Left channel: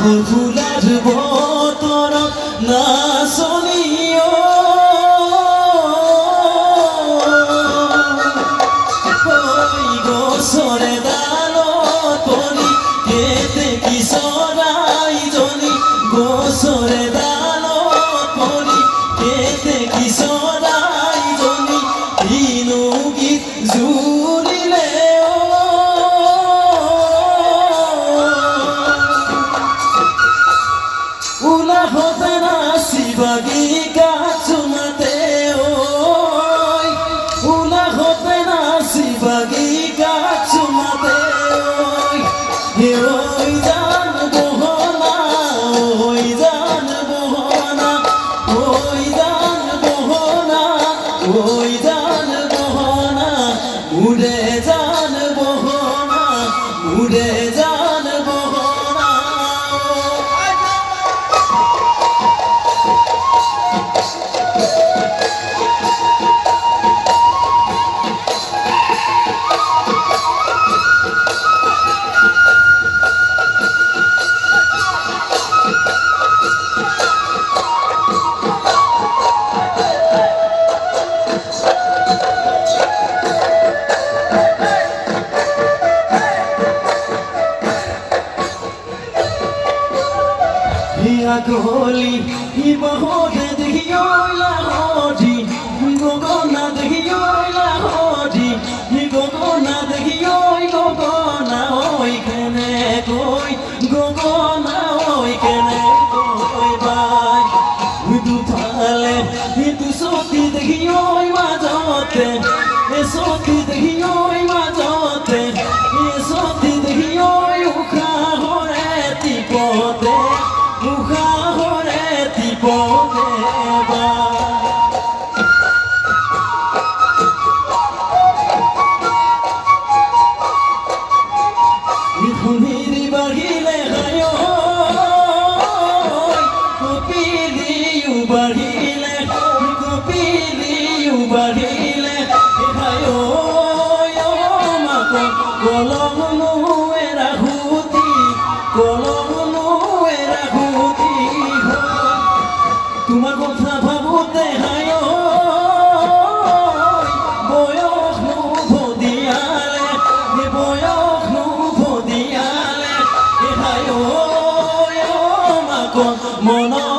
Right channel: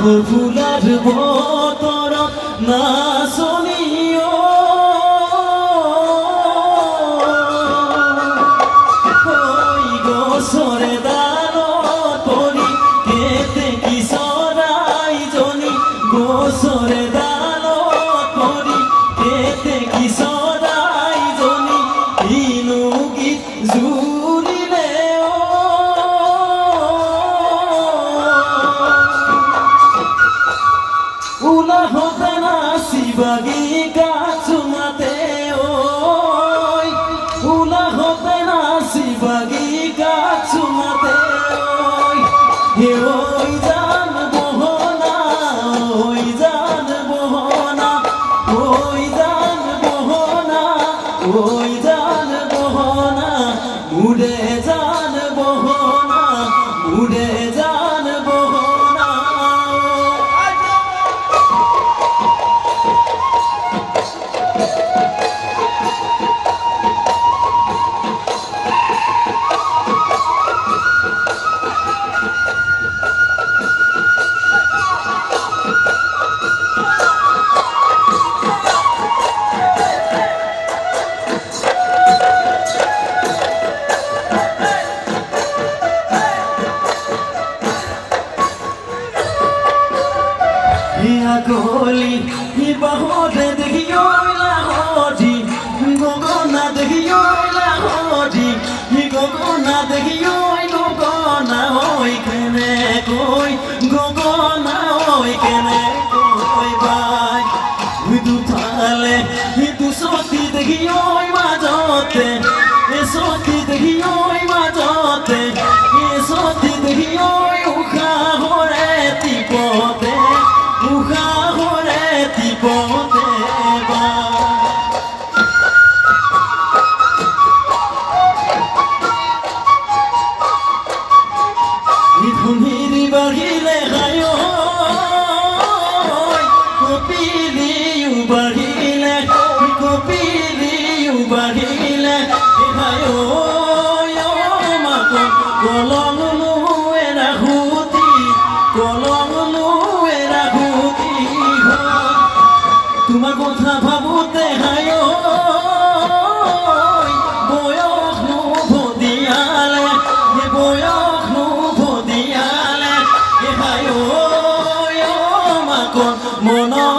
ফুলাৰ বতৰত নাচনীয় গছৰে ডালত পৰি কেতে কি চৰাইজনী গছৰে ডালত পৰি কেতে কি চৰাইজনী কিনো গীত জুৰিলে উলাহতে নাচিবাগি গাছুমাতে উলাহতে নাচিবাগি গাছুমাতে ওই জান বহনা ওই জান বহনা ওই জান বহনা ওই জান বহনা মুড়ে জান বহনা মুড়ে জান বহনা গলি বাহতে দেখিও লাহরি গগনা দেখিও লাহরি গগনা দেখিও গগনা ওই কেনে কই গগনা ওই কেনে কই বাই দুফালে দুসতি দেখিও মাজতে সতি দেখিও মাজতে সতি দেখিও উখা হরে তিপতে উখা হরে তিপতে বা ধুনিরি বাঢ়িলে হায় কপিলিও বাঢ়িলে কপিলিও বাঢ়িলে হায় মাক কলং নোৱেৰা সুতি কলং নোৱেৰা সুতি তোমাৰ কথা ভাবোতে হায় বয়স নুভদিয়ালে বয়স নুভদিয়ালে হায় মাক মন